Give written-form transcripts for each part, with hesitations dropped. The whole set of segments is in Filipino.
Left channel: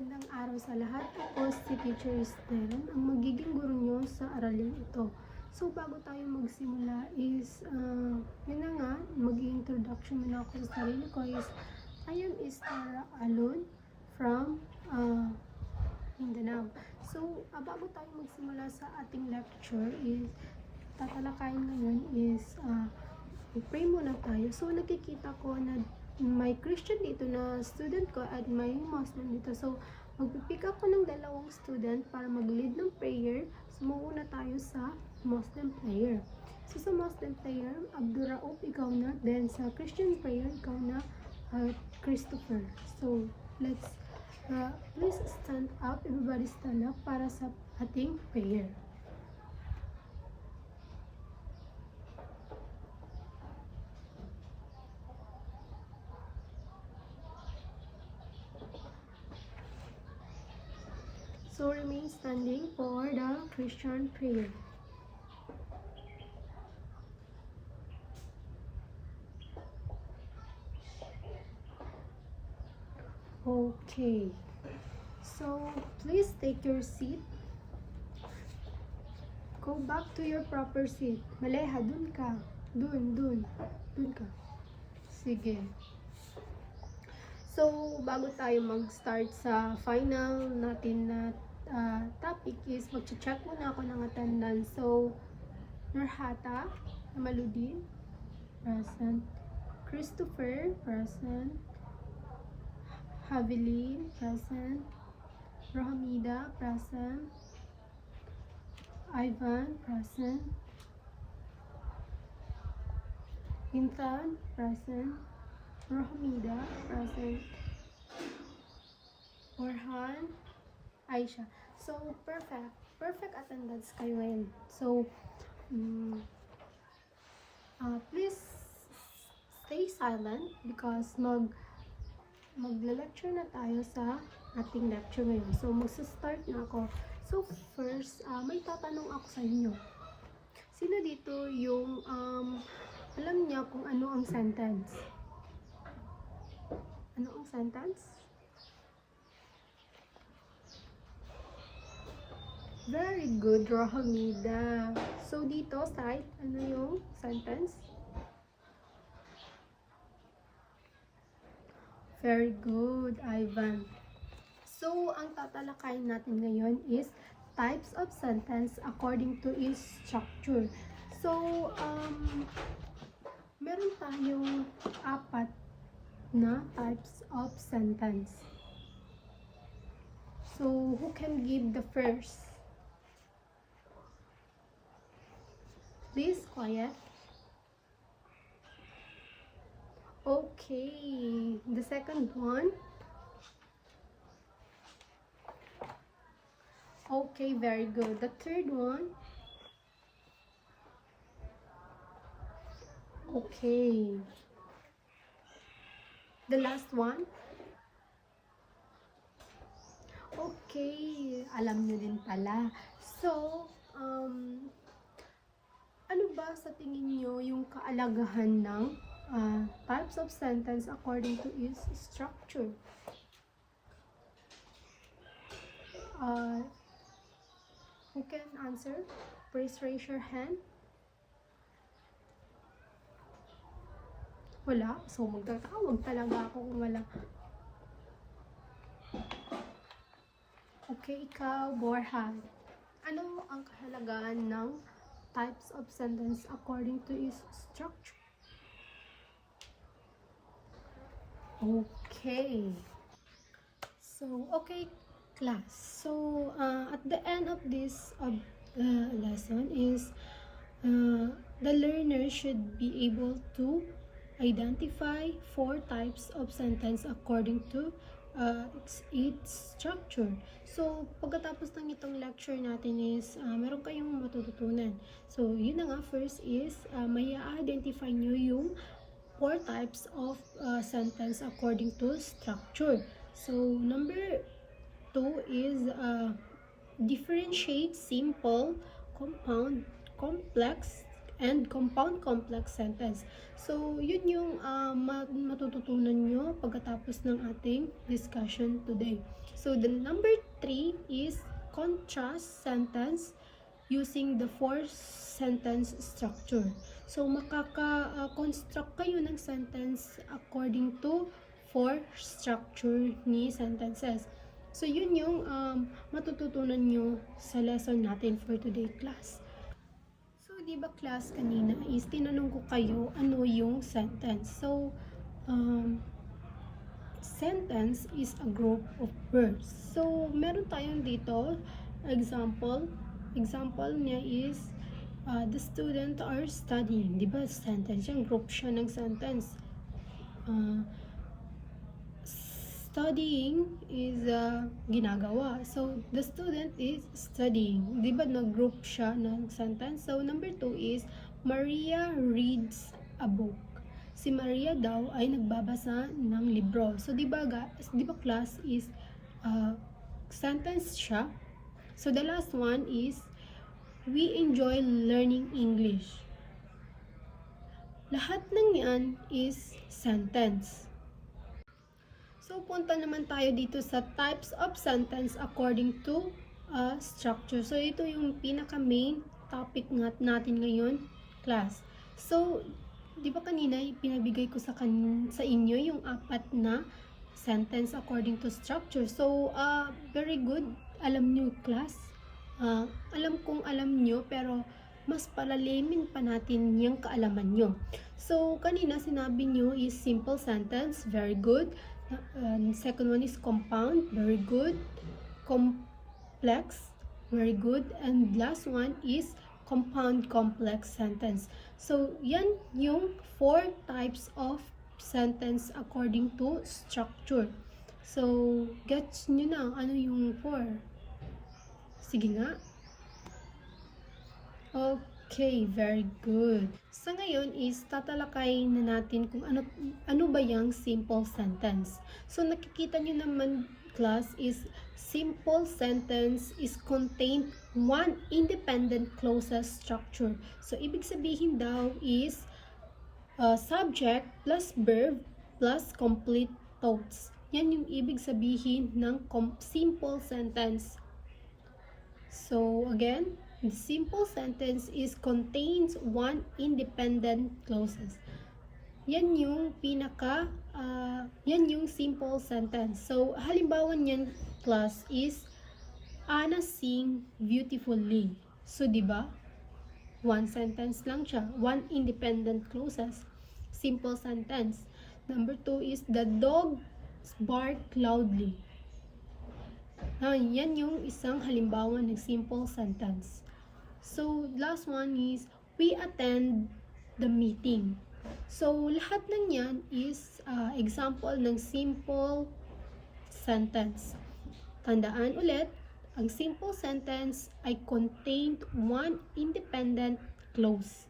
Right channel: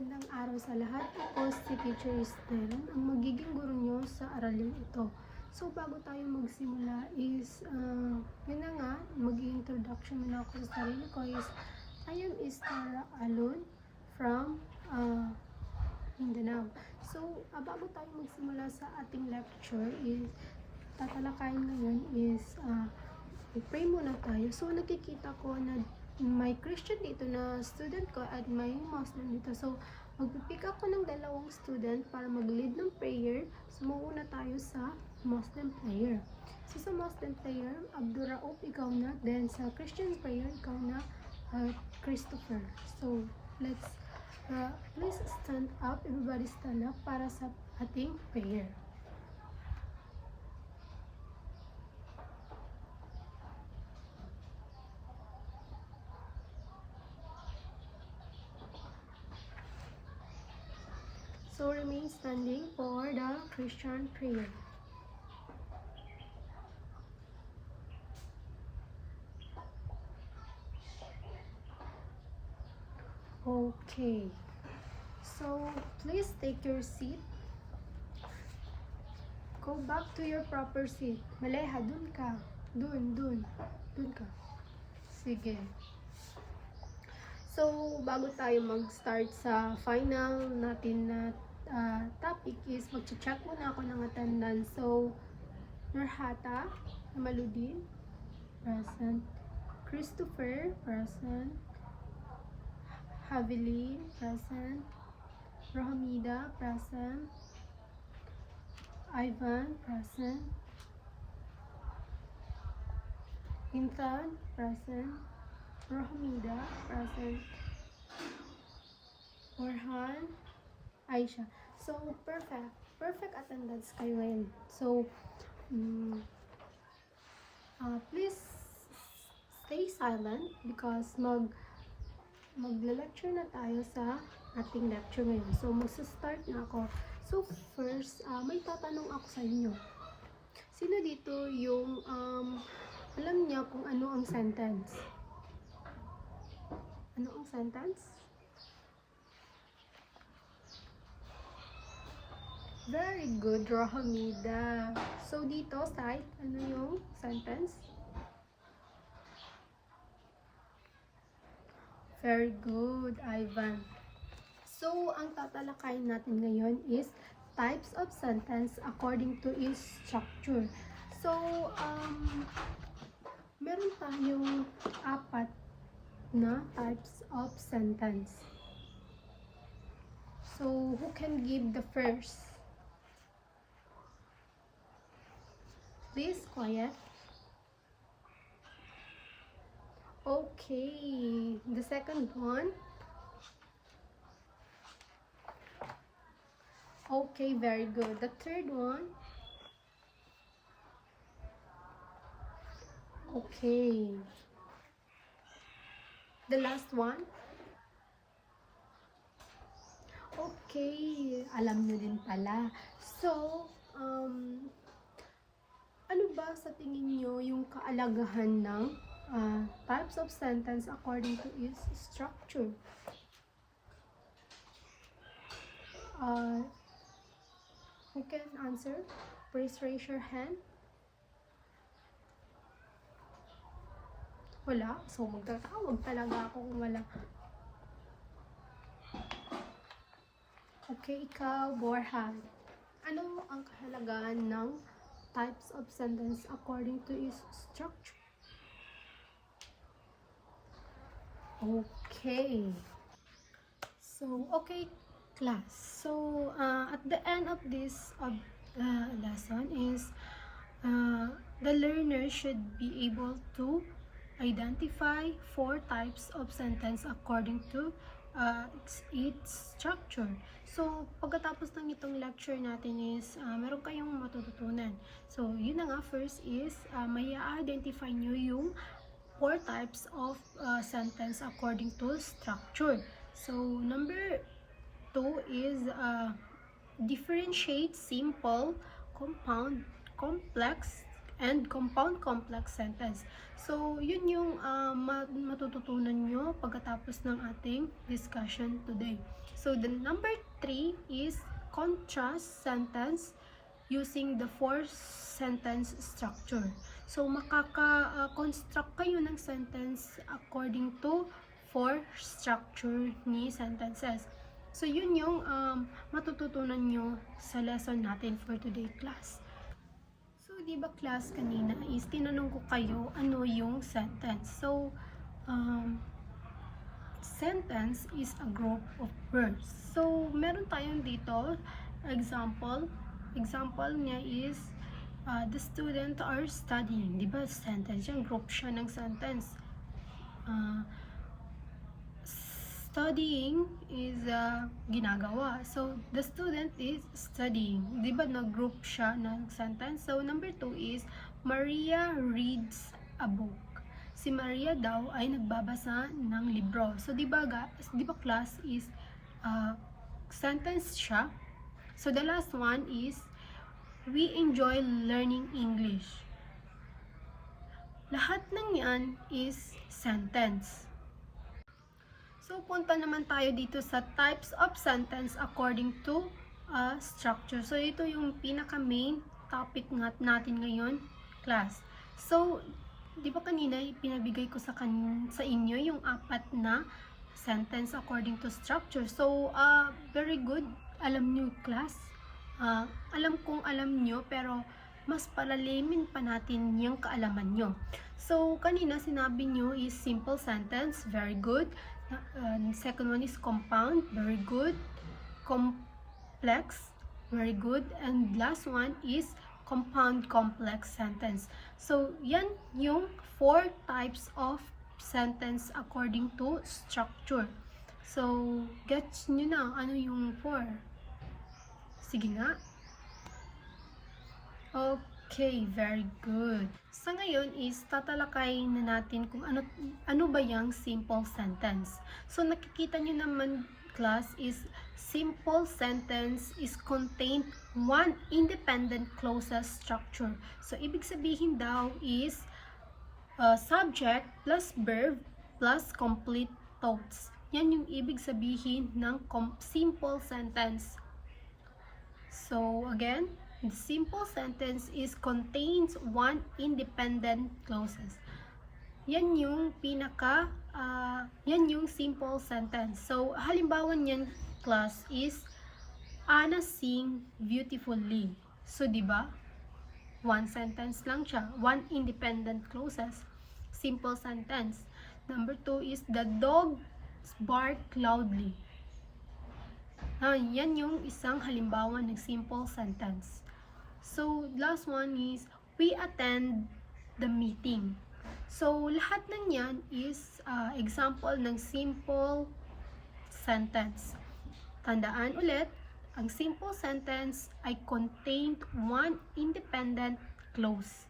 Magandang araw sa lahat. Ako si Teacher Stellen, ang magiging guro nyo sa aralin ito. So, bago tayo magsimula is, yun na nga, mag-introduction muna ako sa sarili ko is, I am Esther Alon from Mindanao. So, bago tayo magsimula sa ating lecture is, tatalakayin ngayon is, pray muna tayo. So, nakikita ko na may Christian dito na student ko at may Muslim dito. So, magpipick ako ng dalawang student para mag-lead ng prayer. So, mauna tayo sa Muslim prayer. So, sa Muslim prayer, Abdurraouf, ikaw na. Then, sa Christian prayer, ikaw na, Christopher. So, let's, please stand up. Everybody stand up para sa ating prayer. So remain standing for the Christian prayer. Okay. So please take your seat. Go back to your proper seat. Maleha, dun ka. Dun ka. Sige. So, bago tayo mag-start sa final natin na topic is mag-check muna ako ng attendance. So, Nurhata Maludin, present. Christopher, present. Havilin, present. Rohamida, present. Ivan, present. Intan, present. Rohamida, present. Orhan, Aisha. So, perfect attendance kayo ngayon. So, please stay silent because magla-lecture na tayo sa ating lecture ngayon. So, magsa-start na ako. So, first, may tatanong ako sa inyo. Sino dito yung alam niya kung ano ang sentence? Ano ang sentence? Very good, Rohamida. So, dito, side, ano yung sentence? Very good, Ivan. So, ang tatalakayin natin ngayon is types of sentence according to its structure. So, meron tayong 4 na types of sentence. So, who can give the first? Please, quiet. Okay, the second one. Okay, very good. The third one. Okay. The last one. Okay, alam nyo din pala. So, ano ba sa tingin nyo yung kaalagahan ng types of sentence according to its structure? Who can answer? Please raise your hand. Wala? So, magtatawag talaga ako kung wala. Okay, ikaw, Borhan. Ano ang kahalagaan ng types of sentence according to its structure? Okay. So, okay, class. So, at the end of this lesson is the learner should be able to identify 4 types of sentence according to its structure. So, pagkatapos ng itong lecture natin is meron kayong matututunan. So, yun na nga, first is may identify nyo yung 4 types of sentence according to structure. So, number 2 is differentiate simple, compound, complex, and compound complex sentence. So, yun yung matututunan nyo pagkatapos ng ating discussion today. So, the number 3 is contrast sentence using the 4-sentence structure. So, makaka-construct kayo ng sentence according to 4 structure ni sentences. So, yun yung matututunan nyo sa lesson natin for today class. So, di ba class kanina is tinanong ko kayo ano yung sentence. So, sentence is a group of words. So, meron tayong dito, example niya is, the student are studying. Di ba sentence yan? Group siya ng sentence. Studying is ginagawa. So, the student is studying. Di ba nag-group siya ng sentence? So, number 2 is, Maria reads a book. Si Maria daw ay nagbabasa ng libro. So, di ba class is sentence siya. So, the last one is, we enjoy learning English. Lahat ng yan is sentence. So, punta naman tayo dito sa types of sentence according to structure. So, ito yung pinaka-main topic natin ngayon, class. So, di ba kanina pinabigay ko sa inyo yung 4 na sentence according to structure. So, very good. Alam nyo, class. Alam kong alam nyo, pero mas palalimin pa natin yung kaalaman nyo. So, kanina sinabi nyo is simple sentence. Very good. Second one is compound, very good. Complex, very good. And last one is compound complex sentence. So, yan yung 4 types of sentence according to structure. So, gets nyo na ano yung 4? Sige nga. Okay, very good. Sa ngayon is tatalakayin na natin kung ano ba yung simple sentence. So nakikita nyo naman class is simple sentence is contained one independent clauses structure. So ibig sabihin daw is subject plus verb plus complete thoughts. Yan yung ibig sabihin ng simple sentence. So again, the simple sentence is contains one independent clauses. Yan yung yan yung simple sentence. So, halimbawa niyan class is, Anna sing beautifully. So, di ba? One sentence lang siya. One independent clauses. Simple sentence. Number 2 is, the dog bark loudly. Yan yung isang halimbawa ng simple sentence. So, last one is, we attend the meeting. So, lahat ng yan is example ng simple sentence. Tandaan ulit, ang simple sentence ay contained one independent clause.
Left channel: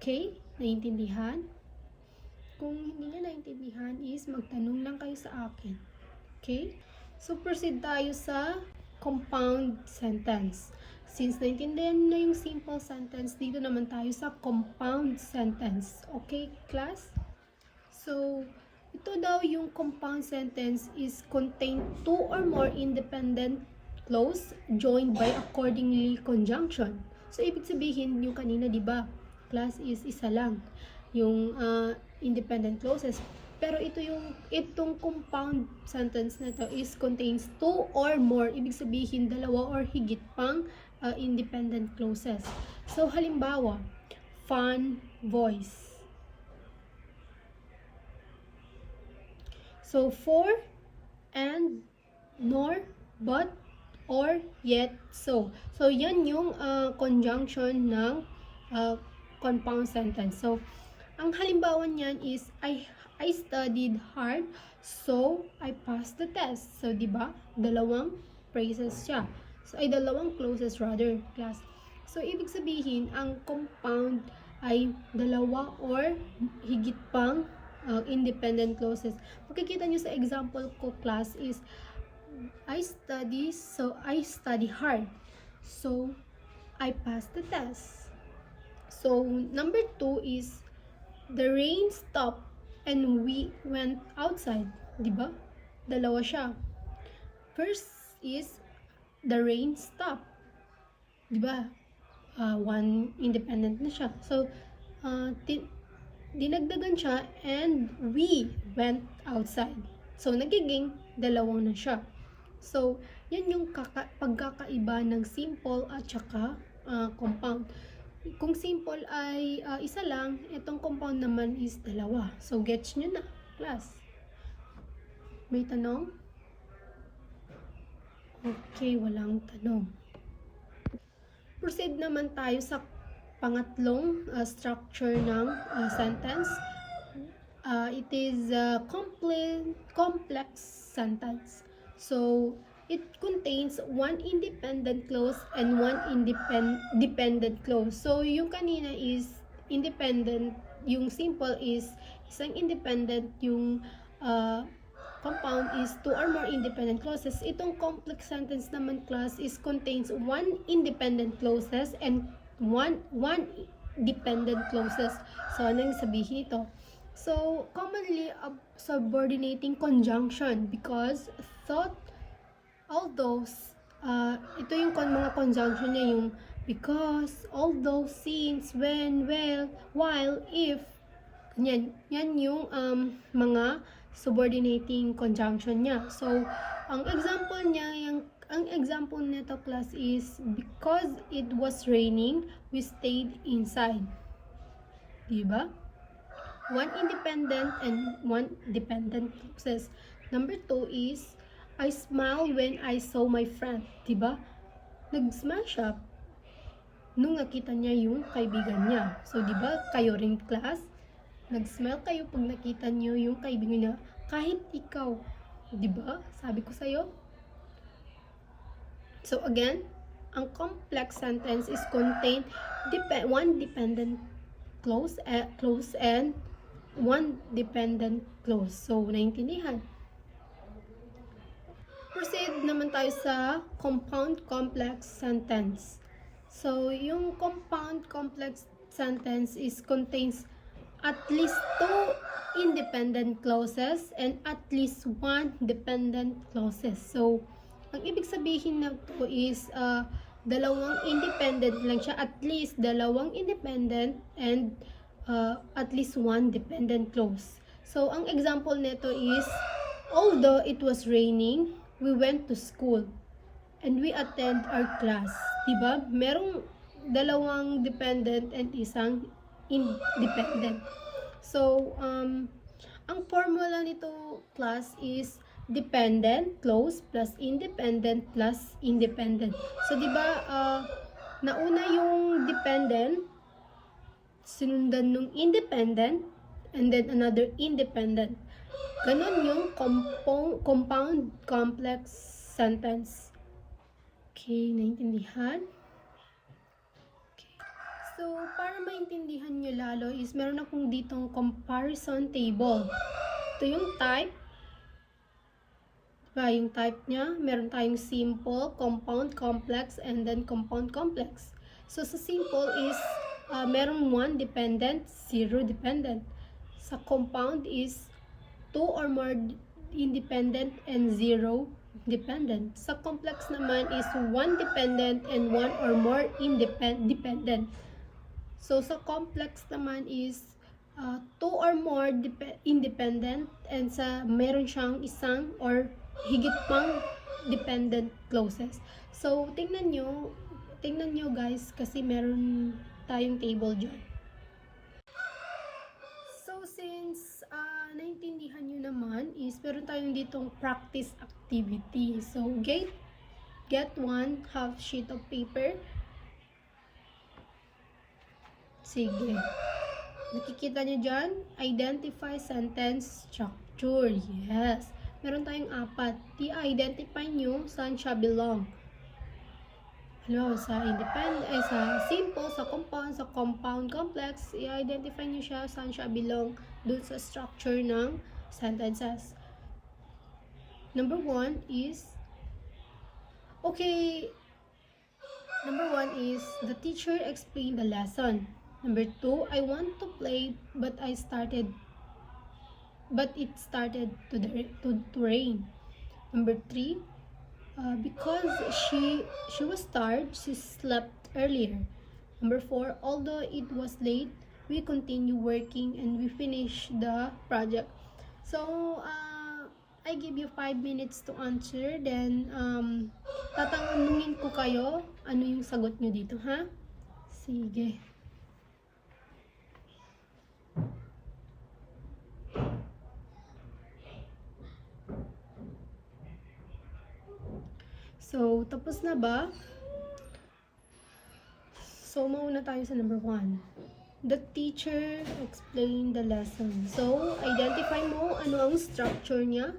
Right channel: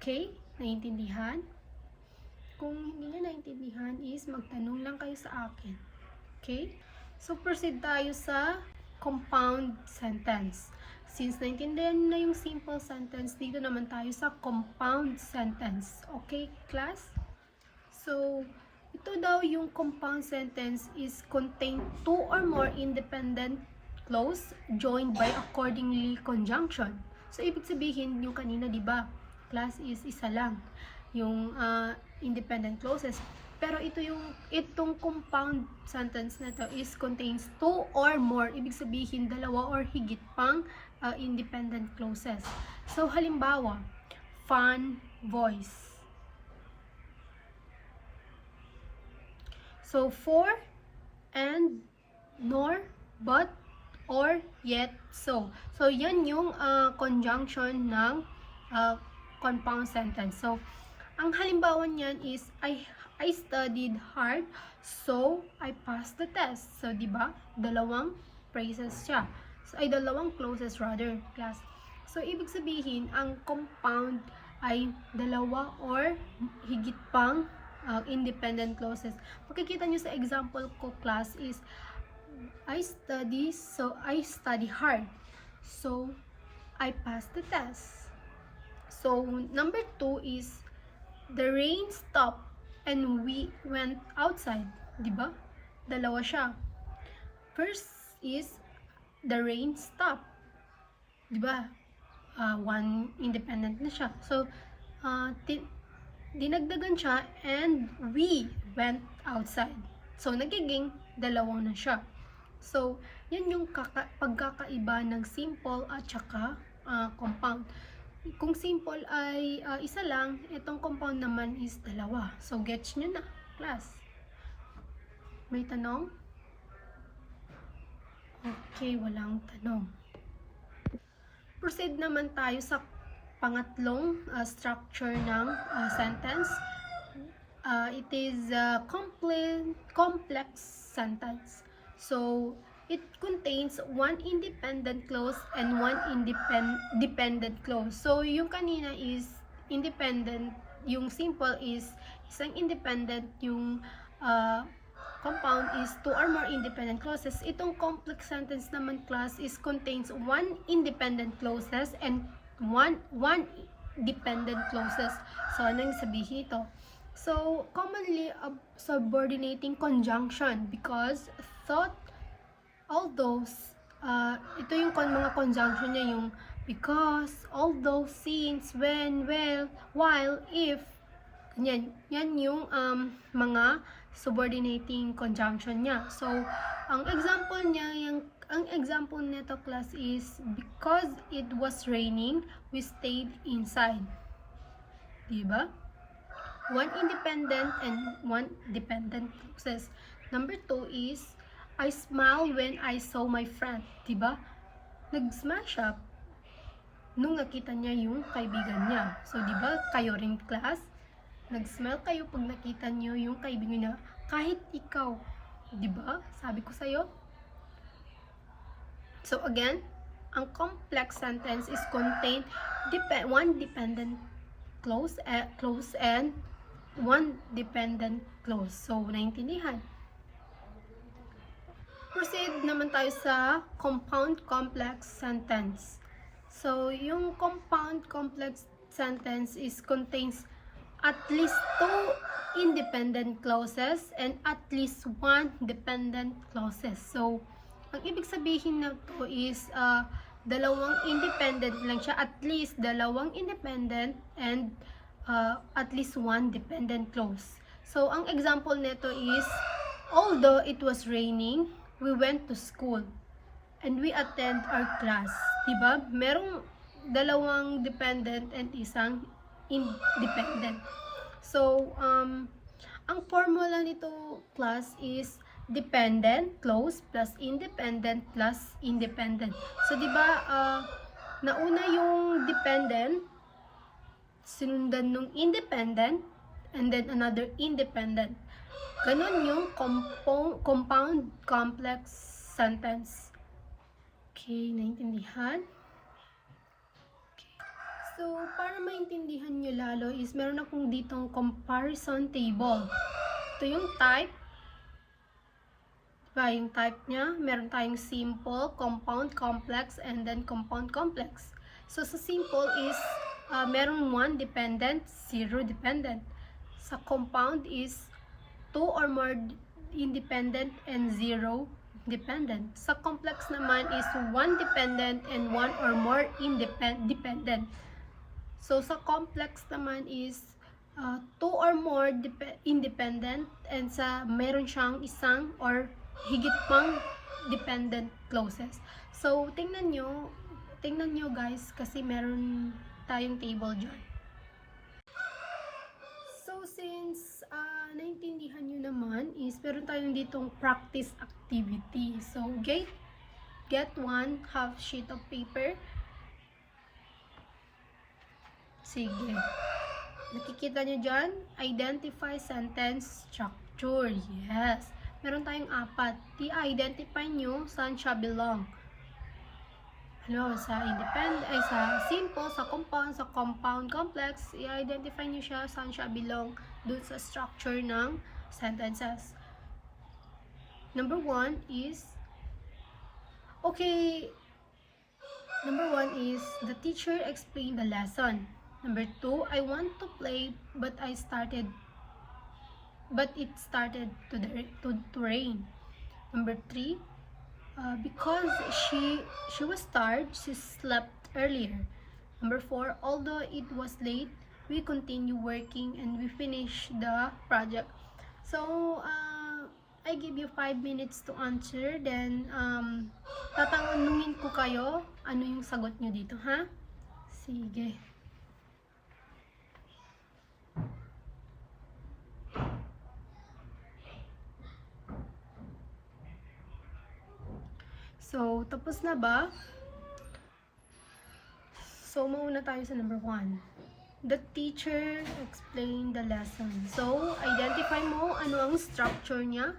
Okay? Naintindihan? Kung hindi nyo naintindihan is magtanong lang kayo sa akin. Okay? So, proceed tayo sa compound sentence. Since naintindihan na yung simple sentence, dito naman tayo sa compound sentence. Okay, class? So, ito daw yung compound sentence is contain 2 or more independent clause joined by accordingly conjunction. So, ibig sabihin yung kanina, di ba? Class is isa lang. Yung independent clauses. Pero itong compound sentence na to is contains 2 or more. Ibig sabihin, 2 or higit pang independent clauses. So, halimbawa, fun, voice. So, for, and, nor, but, or, yet, so. So, yan yung conjunction ng compound sentence. So, ang halimbawa niyan is, I studied hard, so I passed the test. So, di ba? 2 phrases siya. So, ay 2 clauses rather, class. So, ibig sabihin, ang compound ay 2 or higit pang independent clauses. Makikita nyo sa example ko, class, is I study hard. So, I passed the test. So, number 2 is the rain stopped and we went outside. Diba? Dalawa siya. First is the rain stopped. Diba? One independent na siya. So, dinagdagan siya and we went outside. So, nagiging dalawa na siya. So, yan yung pagkakaiba ng simple at saka compound. Kung simple ay isa lang, itong compound naman is dalawa. So, gets nyo na, class. May tanong? Okay, walang tanong. Proceed naman tayo sa pangatlong structure ng sentence. It is a complex sentence. So, it contains one independent clause and one dependent clause. So, yung kanina is independent, yung simple is isang independent, yung compound is two or more independent clauses. Itong complex sentence naman, class, is contains one independent clauses and one dependent clauses. So, ano yung sabihin ito? So, commonly subordinating conjunction because thought, although, ito yung mga conjunction niya, yung because, although, since, when, well, while, if, yan yung mga subordinating conjunction niya. So, ang example nito, class, is because it was raining, we stayed inside. Diba? One independent and one dependent clauses. Number 2 is I smiled when I saw my friend. Diba? Nag-smile siya nung nakita niya yung kaibigan niya. So, diba, kayo rin, class? Nag-smile kayo pag nakita niyo yung kaibigan niya. Kahit ikaw. Diba? Sabi ko sa'yo. So, again, ang complex sentence is contain one dependent clause and one dependent clause. So, naintindihan. Proceed naman tayo sa compound complex sentence. So, yung compound complex sentence is contains at least two independent clauses and at least one dependent clauses. So, ang ibig sabihin na to is dalawang independent lang siya, at least dalawang independent and at least one dependent clause. So, ang example nito is, although it was raining, we went to school and we attend our class. Diba? Merong dalawang dependent and isang independent. So, ang formula nito, class, is dependent clause plus independent plus independent. So, diba, nauna yung dependent, sinundan nung independent, and then another independent. Ganon yung compound complex sentence. Okay, naintindihan? Okay. So, para maintindihan nyo lalo is meron akong ditong comparison table. Ito yung type. Diba, yung type niya, meron tayong simple, compound, complex, and then compound complex. So, sa simple is meron 1 dependent, 0 dependent. Sa compound is 2 or more independent and 0 dependent. Sa complex naman is 1 dependent and 1 or more dependent. So, sa complex naman is 2 or more independent and sa meron siyang isang or higit pang dependent clauses. So, tingnan nyo guys, kasi meron tayong table dyan. So, since naintindihan nyo naman is meron tayong ditong practice activity. So, get one half sheet of paper. Sige. Nakikita nyo dyan? Identify sentence structure. Yes. Meron tayong 4. I-identify nyo saan siya belong. Ano, sa simple, sa compound complex, i-identify nyo siya saan siya belong dun sa structure ng sentences. Number 1 is the teacher explained the lesson. Number 2, I want to play but it started to rain. Number 3, because she was tired, she slept earlier. Number 4, although it was late, we continue working and we finish the project. So, I give you 5 minutes to answer. Then, tatanungin ko kayo ano yung sagot nyo dito, ha? Sige. So, tapos na ba? So, mauna tayo sa number 1. The teacher explained the lesson. So, identify mo ano ang structure niya.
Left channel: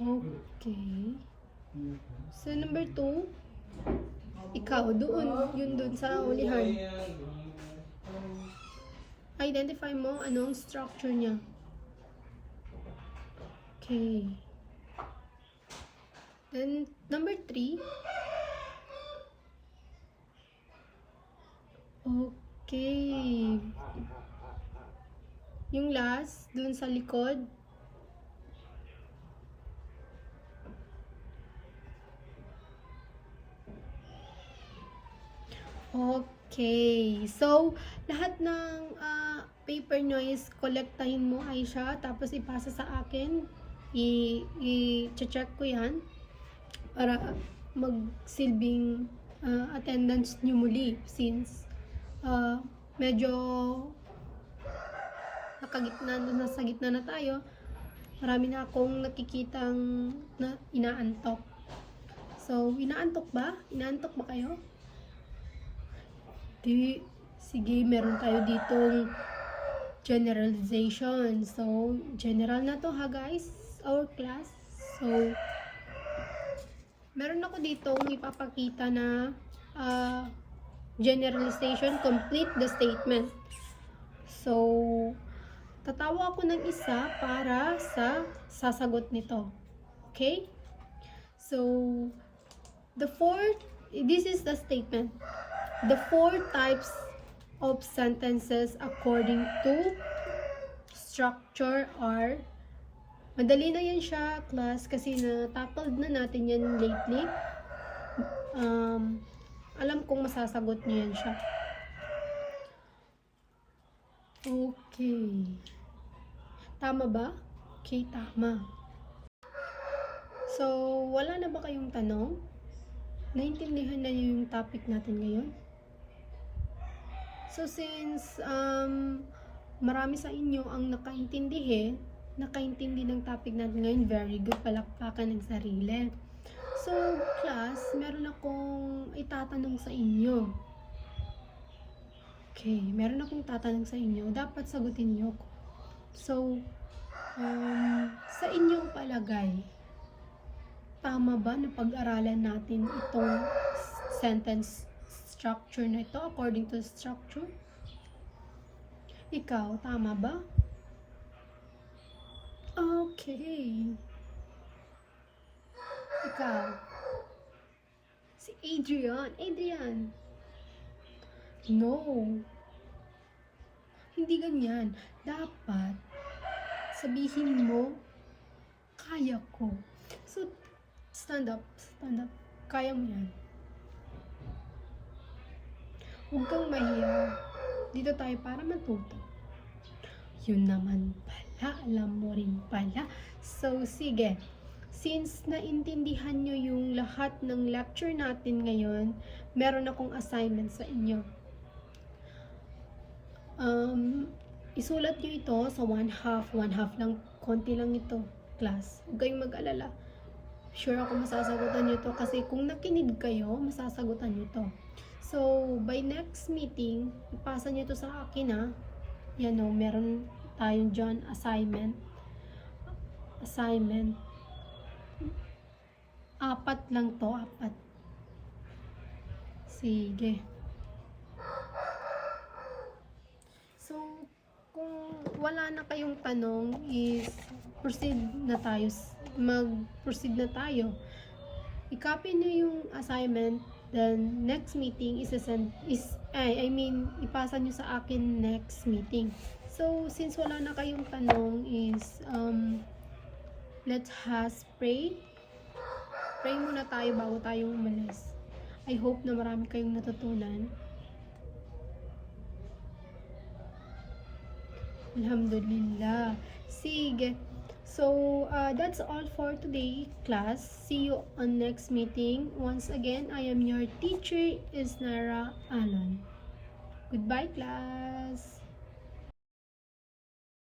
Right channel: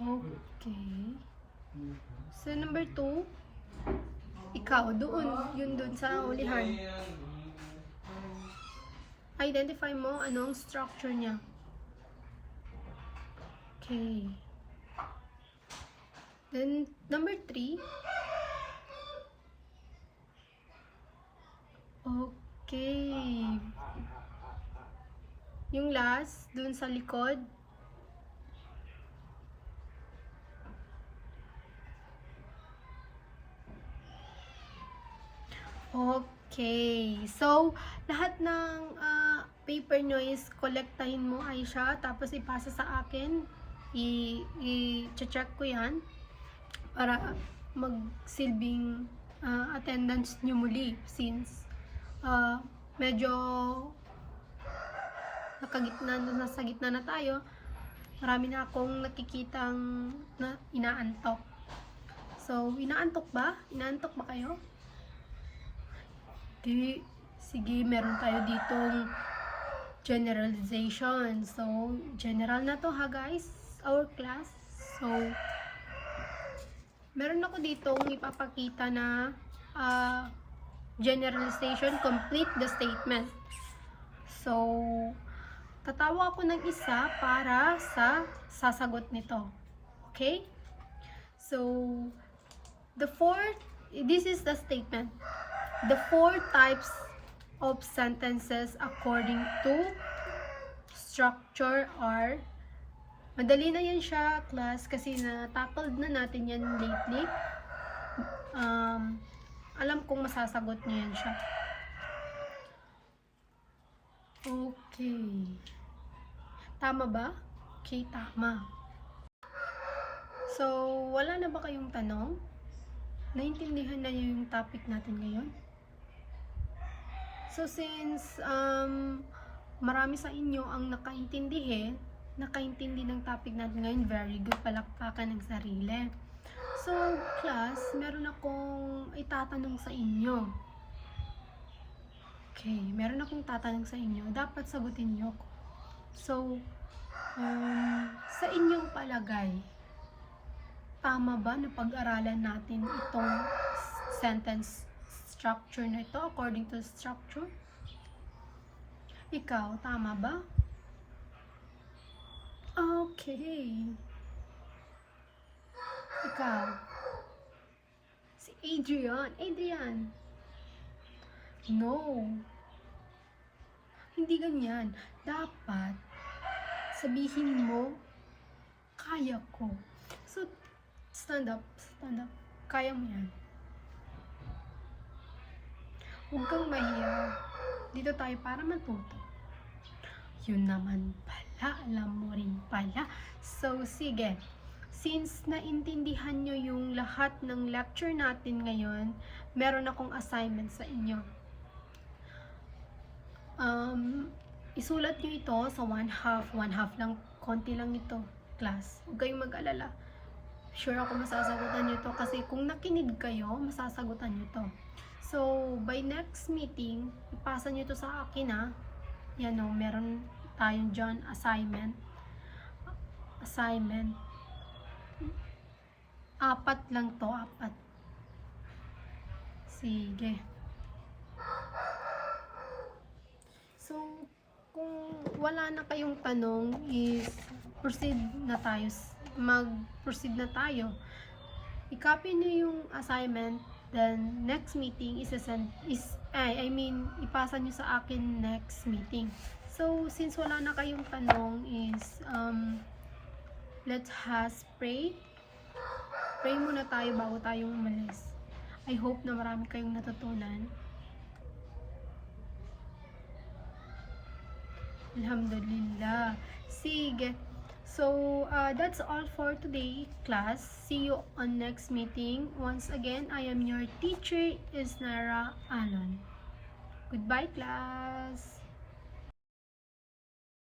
Okay. So, number 2, ikaw, yun doon sa ulihan. Identify mo ano ang structure niya. Okay. Then, number 3. Okay. Yung last, dun sa likod. Okay. So, lahat ng paper nyo is kolektahin mo ay siya, tapos ipasa sa akin. I-check ko yan para magsilbing attendance nyo muli since medyo nasa gitna na tayo. Marami na akong nakikitang na inaantok. So, inaantok ba? Inaantok ba kayo? Di, sige, meron tayo ditong generalization. So, general na to ha guys, our class. So, meron ako ditong ipapakita na generalization, complete the statement. So, tatawa ako ng isa para sa sasagot nito. Okay? So, this is the statement. The 4 types of sentences according to structure are, madali na yan siya, class, kasi na-tackled na natin yan lately. Alam kong masasagot niyo yan siya. Okay. Tama ba? Okay, tama. So, wala na ba kayong tanong? Naintindihan na yung topic natin ngayon? So, since marami sa inyo ang nakaintindi ng topic natin ngayon, very good, palakpakan ng sarili. So, class, meron akong itatanong sa inyo. Okay, meron akong tatanong sa inyo. Dapat sagutin niyo ko. So, sa inyong palagay, tama ba na pag-aralan natin itong sentence structure na ito according to structure? Ikaw, tama ba? Okay. Ikaw. Si Adrian. No. Hindi ganyan. Dapat sabihin mo, kaya ko. So, stand up. Kaya mo yan. Huwag kang mahiya. Dito tayo para matuto. Yun naman pala. Alam mo rin pala. So, sige. Since naintindihan nyo yung lahat ng lecture natin ngayon, meron akong assignment sa inyo. Isulat nyo ito sa 1/2 lang. Konti lang ito, class. Huwag kayong mag-alala. Sure ako masasagutan nyo to kasi kung nakinig kayo, masasagutan nyo to. So, by next meeting, ipasa nyo to sa akin ha. Yan o, meron tayong dyan assignment. 4 lang to, 4. Sige. So, kung wala na kayong tanong, is mag-proceed na tayo. I-copy niyo yung assignment Then next meeting ipasa nyo sa akin next meeting. So since wala na kayong tanong is let's pray. Pray muna tayo bago tayong umalis. I hope na marami kayong natutunan. Alhamdulillah. Sige. So, that's all for today, class. See you on next meeting. Once again, I am your teacher, Isnara Alon. Goodbye, class.